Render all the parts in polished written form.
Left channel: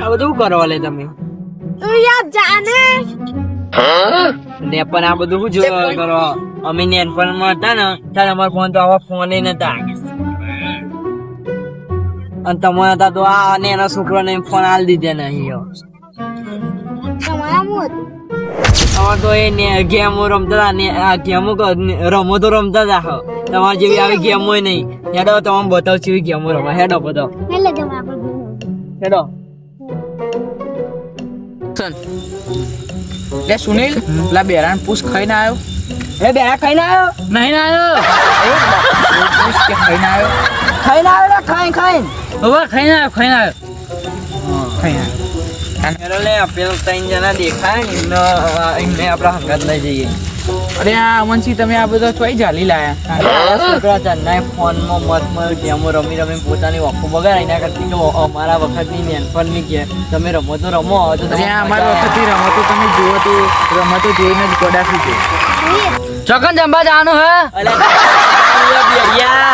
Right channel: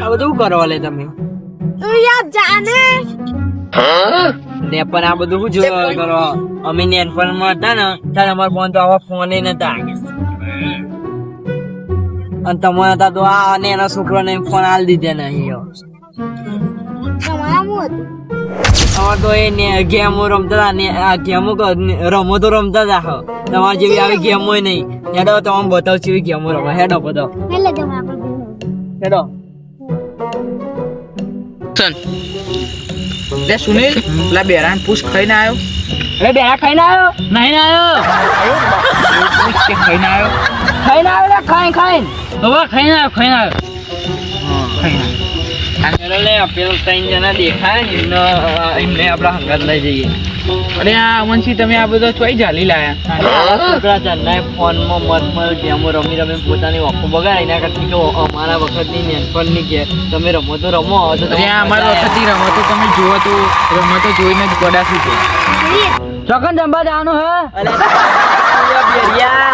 આ બધું કરવા લે તમે તું યાર જાને ને પણ આ બધું શું જોવા કરો અમે નેનપણમાં હતા ને ત્યારે અમારા ફોન તો આવા ફોન નતા અને તમારા હતા તો આ અને એના છોકરાને ફોન આલી દીધા નહીં તમારા મું હતું અમાર તો એ ગેમો રમતા હતા ને આ ગેમો રમો તો રમતા હતા તમારે જેવી આવી ગેમો નહીં હેડો તમે બતાવ જેવી ગેમો રમો હેડો બતાવ એટલે તમે આપણે હેડો લે સુનિલ પેલા બેરાન પૂછ ખાઈને આવ્યો અરે બેરા ખાઈને આવ્યો નહીં આવ્યો પૂછ કે ખાઈને આવ્યો ખાઈને આવ્યો ખાઈને હવે ખાઈને આવ્યો લે પેલો ત્રણ જણા દેખાય ને એમને આપડા હંગાત લઈ જઈએ અરે આ અમનસિંહ તમે આ બધો ચોઈ જાલી લાયા છોકરા ચંદાય ફોનમાં મત ગેમો રમી પોતાની ઓખો બગાડ એના કરતી અમારા વખતની નેનપણની કે તમે રમો તો રમો તો અરે આ અમારા વખતની રમતો તમે જુઓ તો રમતો જોઈને જ ગોડાથી છે ચોકન જંબા જવાનું હે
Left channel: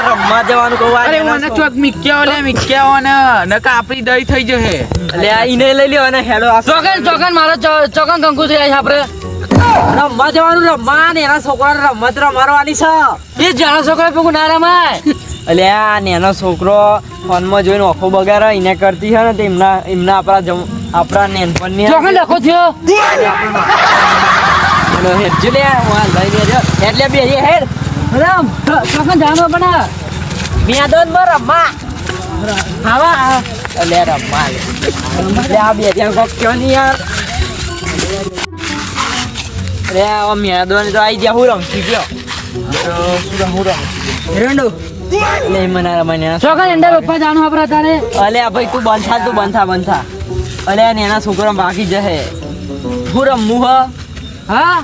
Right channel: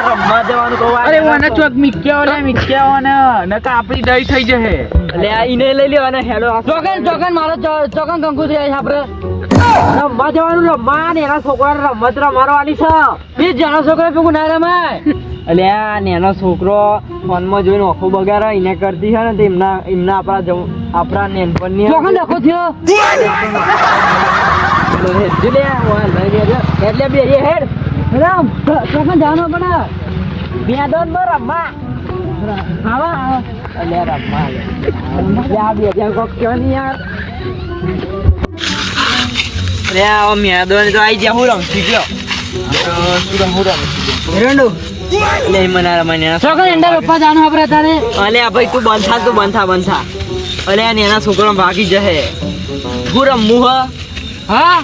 રમવા જવાનું કહું અરે મને ચોક મિક્યા ને નકા આપણી દઈ થઈ જશે એટલે આ ઈને લઈ લ્યો અને હેલો ચોકન મારો ચોકન કંકુ થઈ જાય આપણે રમવા જવાનું રમવા ને એના છોકરાને રમત રમાડવાની છે એ જાણો છોકરો પેલું ના રમાય એટલે આ નેનો છોકરો ફોનમાં જોઈને ઓખો બગાડે એને કરતી છે ને તો એમના આપણા નેનપણની ચોકન લખો થયો હેડજો લે લઈ બેજો એટલે બે હેડ ચોકન જાણો પણ મેદાન માં રમવા ખાવા એટલે રમવા લે આ બે ત્યાં કોક કયો નહીં યાર અરે આ મેદાન તો આવી ગયા હું રમતી ગયો હું રમતી રેંડો લે મને રમાને ચોકન એંડા રોપવા જાણો આપણે તારે અલે આ ભાઈ તું બંધ થા અલે આ એના છોકરો ભાગી જશે હું રમવું હા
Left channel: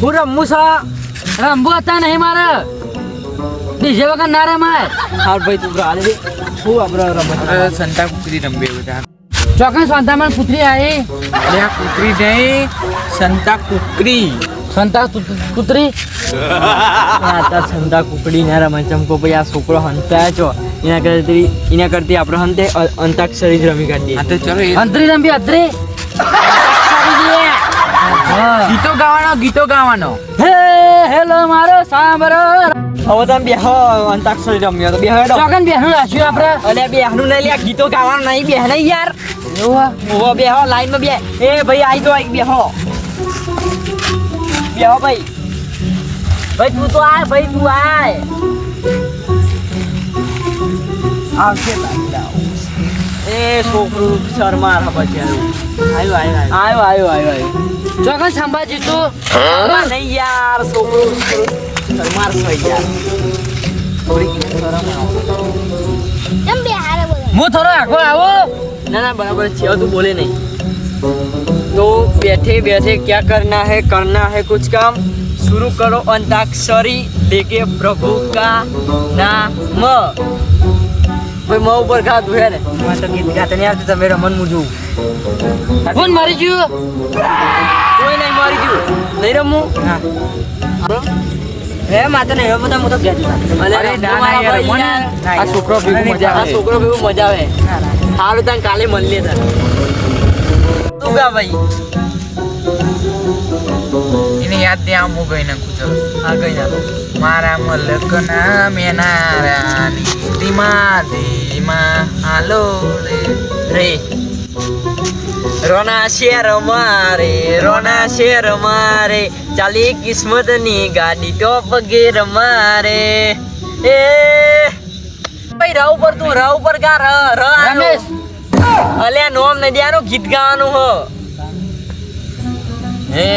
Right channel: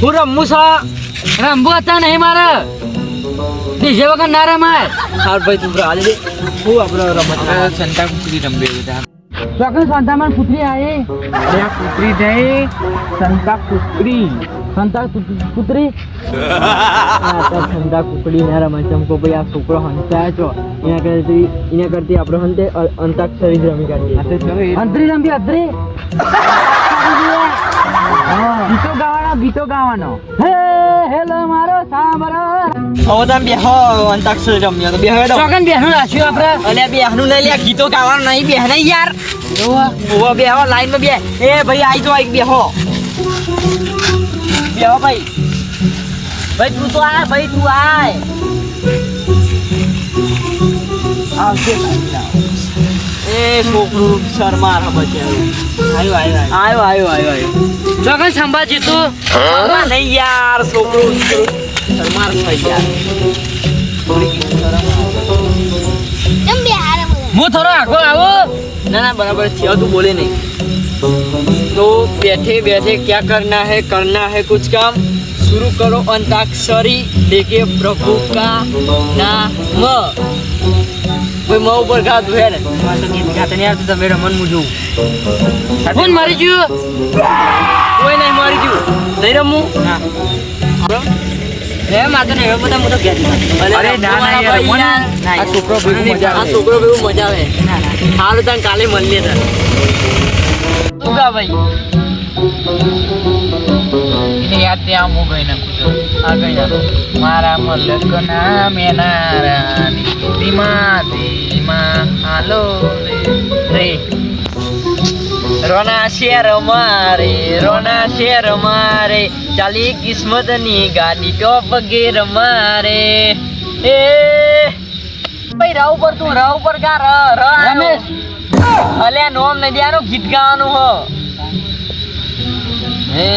હું રમવું છે રમવું હતા નહીં મારે ડીજે વગર ના રમાય હાર ભાઈ તું હાલ દે હું આપણે રમત સંતા કુકરી રમવે બધા ચોકન સંતામાં પુત્રી આવી અરે આ કુકરી નહીં સંતા કુકરી સંતા કુતરી સંતા કુકડી ના રમાય ચમકો ભાઈ આ છોકરો હંતાય છો એના કરતી આપણે હંતે અંતાક્ષરી જ રમી કાઢીએ હા તો ચલો અંતરી રમી અંતરી ગીતો ગાવાનો હે હેલો મારો સાંભળો હવે તમે બેહો અંતાક્ષરી રમ્યો તો બેહો ચોકન બેહનું રાખ્યું આપણે અલે બેહનું લઈ લે ગીતો ગાવાનું નહીં બેહ નહીં યાર ઓવો બેહો લાઈન માં બે એ ભાઈ આઈ તો આઈ બેહો ભાઈ તું તો આ ભાઈ તું આય આવશે એ છોકરું શર્મા આવ્યો ચોકન સંભાજી તું નહીં યાર છોકરું શર્મા થઈ યાર થોડી શરમ આવે કેમ બે હારે બોલે હું થોડો આખો આવો ના बराबर છે તું બોલે नहीं तो बैठे क्या करना है कुछ काम शुरू करो अंताक्षरी लेके प्रभु का नाम भाई मैं ऊपर गा दू है ने मैं तो गीत गाते नहीं आते તમે રમન મુજુ કોણ મારી ગયું કોઈ નહીં મારી ગયું નહીં રમું રે માતા ને હવે બધા મોટો ગયા અરે ના યાર મને આ છોકરો ભેગું મજા આવે હારું તને કાલે મળીએ તને તું ગા ભાઈ એને યાદ દે આમ હું ગઈ નાખું છું આ કઈ ના મારા મલકના મેનારાની ધીમા હાલો રે રોના શેર મારે ચાલી કિસ્મત ની ગાડી તો પગે રમારે એ ભાઈ રાવ પર ગા રમેશ અલ્યા નોમ નદિયાનું ગીત ગાવાનું હો હે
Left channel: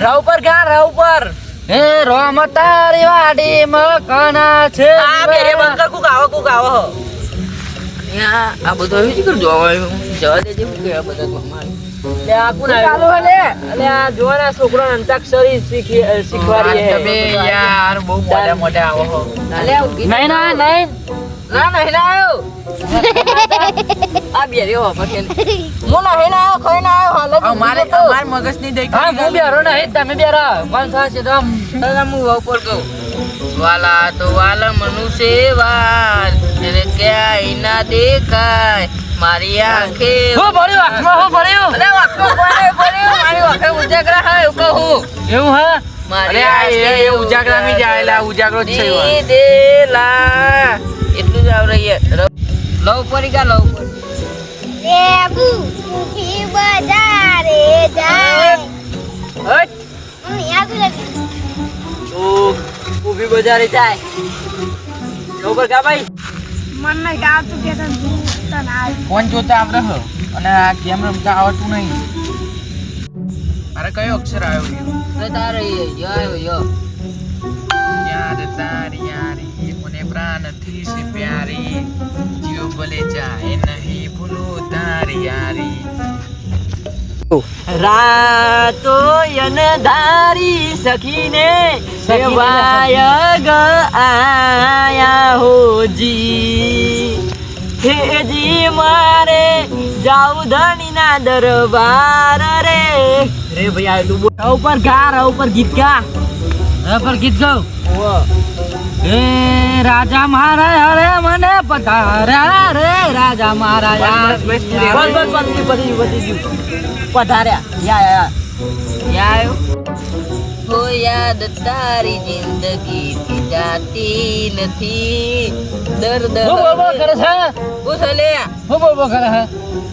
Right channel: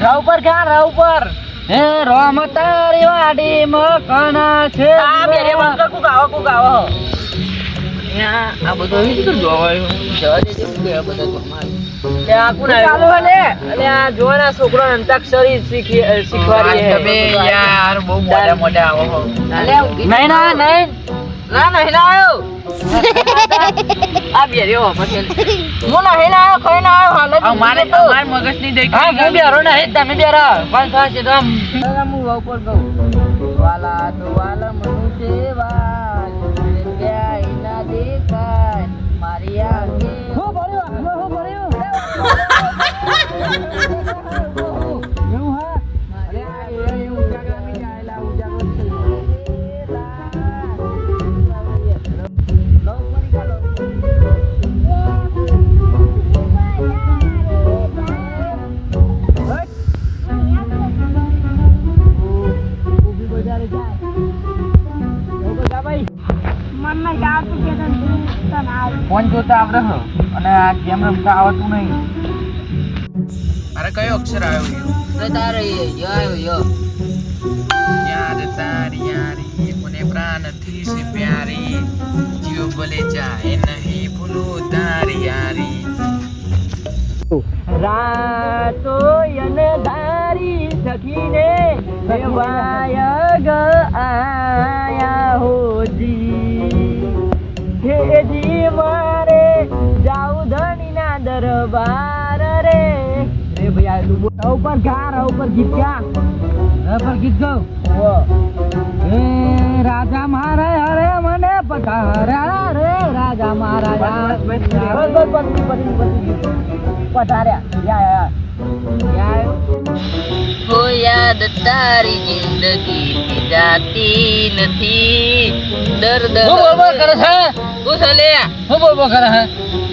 રાવ પર હે રોમ તારી વાડી મકના છે આ બેરે બંધ કુ ગાવો હો આ બધો એવી રીતે જોવાયું જવા દેજે કે આ બધા તમારે ચાલો લે અલે આ જોવાના છોકરો અંતાક્ષરી શીખવાડી હે તમે યાર બહુ મોડા આવો હો અલે નહીં આવ્યો આ બેરે હો પછી હું નહીં આવ્યો કોઈ ના આવ્યો અમારે મગજ ની દઈ હા હું બેરો નહીં તમે બેરા કોણ થશે તો હું ઉપર કહું વાલા તો વાલા મનુષ્ય વાલ એને ક્યાંય ના દેખાય મારી આંખે હું ભર્યું આંખમાં હું ભર્યું અરે મારી આંખે ઉજાગરા હા એવું કહું એવું હે મારી આંખે ઉજાગરા મી જાયલા ઉજાગરો જ છે દેલા એટલું જ આવ રહી લવ પરી કા લવ દેબુ ઊભી બજારે જાય હટ યાદ નથી તો ઊભી બજારે જાય ઉપર કા ભાઈ મન ને ગાવ તું કે તને આવ ફોન જોતા આવડે હ અને આ ગેમ રમતા આવડતું નહીં અરે કયો અક્ષર આવ્યો તારે યો યાર તારી યારી મને પ્રાણથી છે પ્યારી જીવ ભલે જાય નહીં ભૂલું તારી યારી રાતો યનધારી સખીને સેવાય ગ આયા હોજી હેજી મારે જાઉં ધણીના દરબાર રે ભાઈ આટલું બોલ ઉપર ગા ઉપર ગીત ગા ઉપર ગીત ગાવ હે રાજા મારા હરે મને પધાર્યા રે રાજા મારા બસ પધાર્યા યા હો યાદ તારી જિંદગી થી જાતી નથી દર્દ હું બોલ કરે છે પૂછ લે હું બોલ કરે છે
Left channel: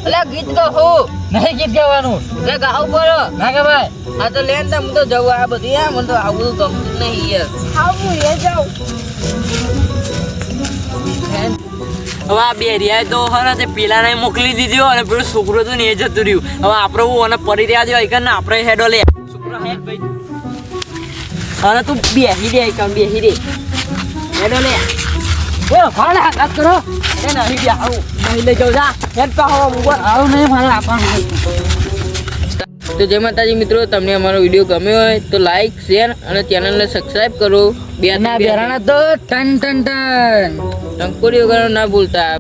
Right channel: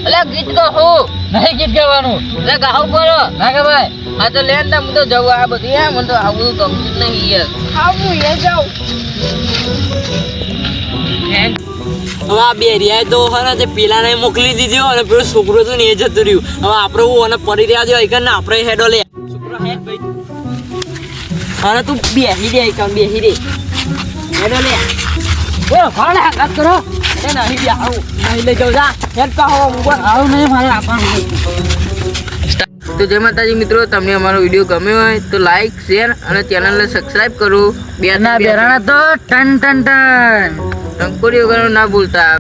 અલે ગીત કહો નહીં ગીત ગાવાનું લે ગાવ કરો ના કે ભાઈ હા તો લેન તમ તો જવું આ બધી આ મને તો આવું ગમતું જ નહીં યાર આવું એ જાવ હવે આ બે રહ્યા તો હરા તે પેલાને મોકલી દીધી અને પેલો છોકરો તો ને એ જતું રહ્યું હવે આપણે હું અને પડી રહ્યા જો ને આપણે હેડો લે છોકરો હેડ ભાઈ અને તું બેસી દે બેસી દે હેડો લે ઓ ફાળે હાથ કરો એ નહીં બે આવું નહીં લઈ જાઉં જા હેડ પા હો મોબાઈલ આવું નહીં મારે આપવાનું તો જય માતાજી મિત્રો તમને અમારો વિડીયો ગમ્યો હોય તો લાઈક શેર અને ચેનલને સબસ્ક્રાઇબ કરો બેરાણા તો ટન ટન ટન ટંકોરી વગર ના ભૂલતા